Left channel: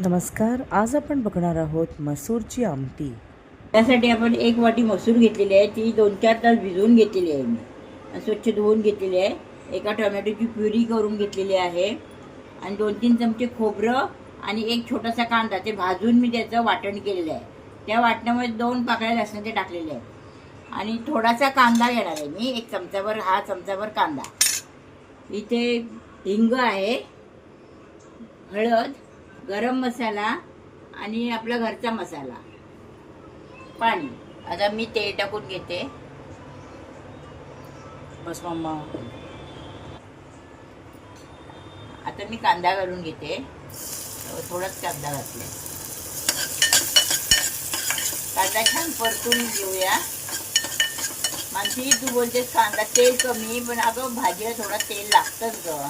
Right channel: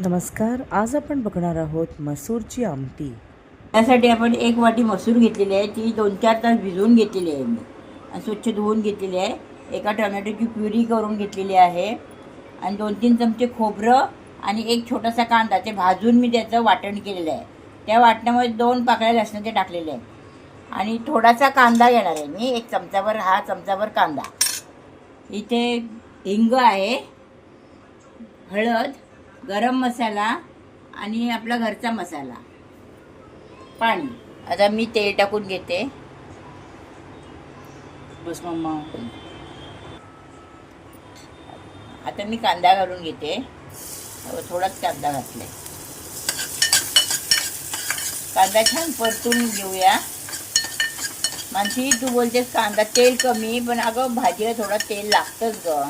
नमस्कार आज आपण बघणार आहोत मसूरची आमटी. त्यासाठी आपण एक वाटी मसूर घेतलेली आहे ती दोन चार तास भिजवून घेतलेली आहे मी. आणि स्वच्छ धुवून घेतलेली आहे. एका टोमॅटोची प्युरी करून घेतलेली आहे. आणि दोन तीन चमचे खोबरं आणि एक छोटासा कांदा ते भाजून मी त्याचं वाटण केलेलं आहे. त्या वाटणामध्ये दोन पाकळ्या लसणाचे टाकलेले आहे. आणि थोडासा कांदा घेणार आहे मी एक चमचाभर हा चमचाभर कांदा. इथे हिंग आहे हळद गरम मसाला आणि आपला घरचा मसाला. पाणी. आता मी तेल टाकून घेते. बस मम्मा. आता मी कांदा घालून घेते. थोडाच कांदा घातला कांदा छान परतून घेऊया. मानसी तू बोलतेस कांदा तेल कमी पण अगं भाजीला थोडा तेल लागतंच ग.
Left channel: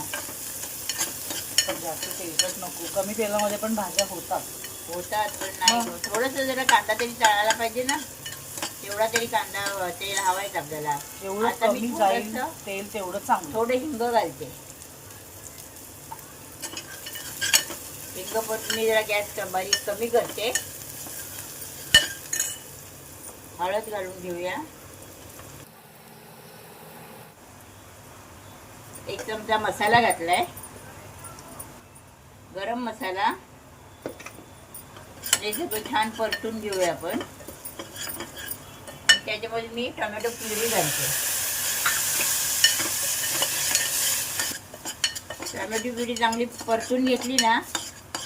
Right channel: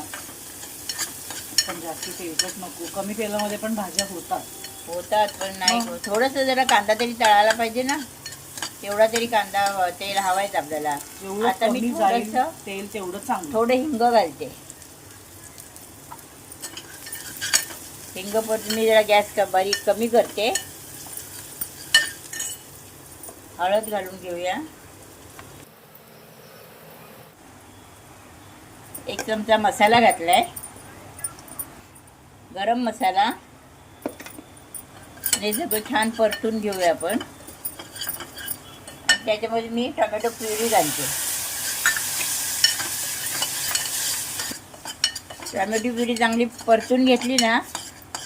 पण जास्त तेलकट नको. कमी तेलामध्ये पण भाज्या होतात. होतात पण नाही मग? थोडंसं जरा कांदा तरी तळायला पाहिजे ना. तेवढा तरी कांदा अं, तेल हवायच आपल्याला. जेवढं आता मी कमी जाईल थोडंसं- तेल तेवढं चांगलं. थोडं हिंग घालते. हिंग परतून मी जरा गॅस क- बारीक कमी करते. हळद घालून घेऊया. एक चमचा मसाला घातलाय. गरम मसाला. हे सगळं छान परतून घेऊया आपण. त्याच्यामध्ये मी टोमॅटो प्युरी घालते. टोमॅटो प्युरी चांगली परतून घेतली ना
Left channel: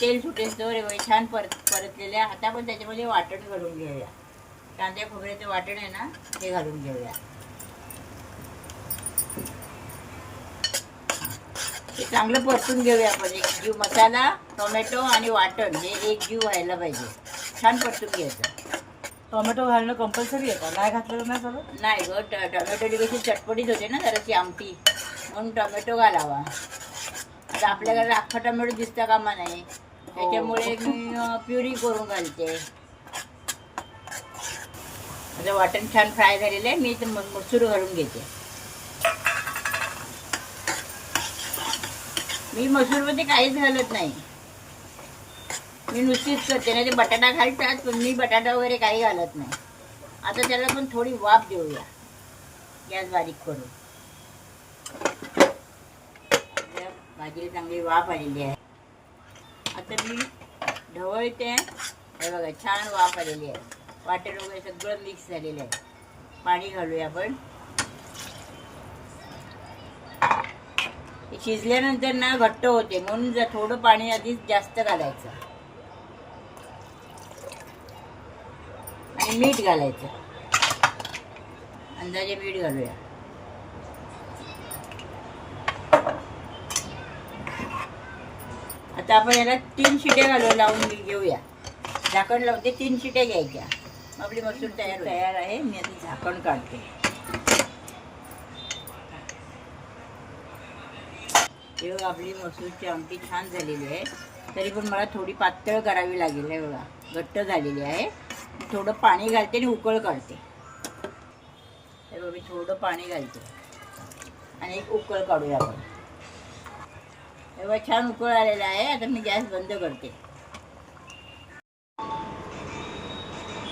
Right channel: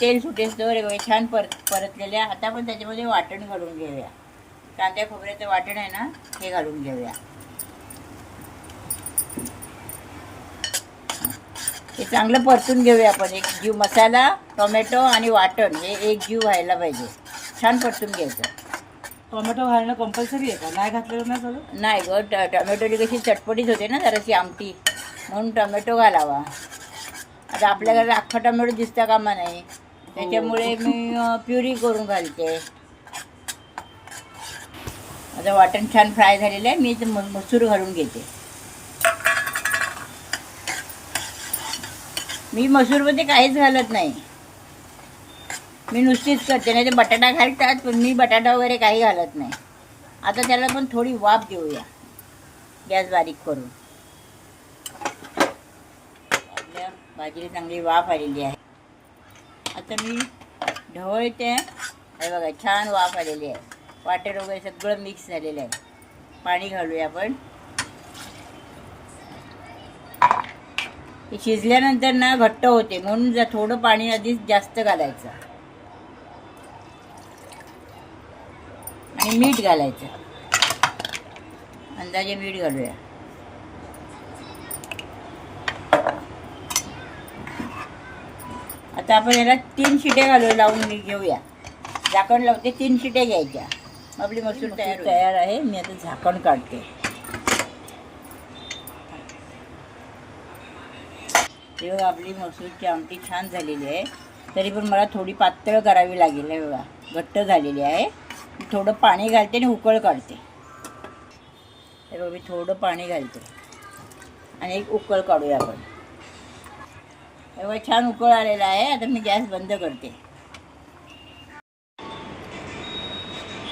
तेल सुटेस तर छान परत परतलेले आहे. आता आपण त्याच्यामध्ये वाटण घालून घेऊया. कांद्या खोबऱ्याचं वाटण आहे ना हे घालून घेऊया. चांगलं परतून घेऊया आपण. एक जीव मसाला टोमॅटो आणि वाटण हे एक जीव व्हायला पाहिजे. छान परतून घ्यायचं. टोमॅटो घालणं कंपल्सरी आहे का? नाही घातलेलं नाही चालत? नाही ग ट टोमॅटोची कशी चटपटीत होते ना जराशी आमटी. म्हणून टोमॅटो घालावा. आता आपल्या घरात अख्खा टोमॅटो दिसता कामा नाही. त्याच्यामुळे मी अं, प्युरी करून घालते. आता वाटण छान फ्राय झालेलं आहे. मी ते म- मसूर घालून घेते. मी मसूरमध्ये काहीच घालत नाही. मी नुसतीच करते नाही ते बटाटा घालतात पण मी बटाटा वगैरे काही घालत नाही. आता त्याला पण थोडी वाफ देऊया गॅस बारीक करून. आपल्या भाजीला चांगली वाफ आलेली आहे. आता मी ढवळते हे बघा छान वाफ आलेली आहे. वाटेर वगैरे सगळं मिक्स झालेलं आहे. पाणी घालूया आपण. शिजल्यानंतर ना घट्ट होते म्हणून जर थोडं पाणी आधीच जास्त घालायचं. आणि मीठ घालायचं. अंदाजे मीठ घालूया. आता आपण याला तीन शिटे घालू लावून घेऊया. झाकण लावते तीन शिट्या घ्यायच्या. आपली मसूर तयार तयार आहे मी आता झाकण काढते. हे आपली मसूरची आमटी छान झालेली आहे. तरी पण मला थोडी पातळ करावी लागेल एवढा. घट्ट झालेली आहे. थोडं पाणी घालते आणि उकळ काढते. तर मी थोडं पाणी घालते. आणि एक उकळ काढूया आपण. एवढा छान उकळ आलेला आहे. आता मी गॅस बंद करते.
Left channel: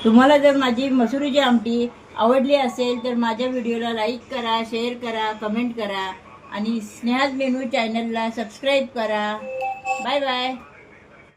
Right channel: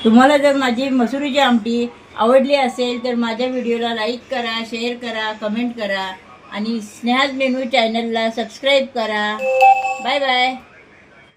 तुम्हाला जर माझी मसुरीची आमटी आवडली असेल तर माझ्या व्हिडिओला लाईक करा शेअर करा कमेंट करा. आणि स्नेहाज मेनू चॅनलला सबस्क्राईब करा. Bye bye.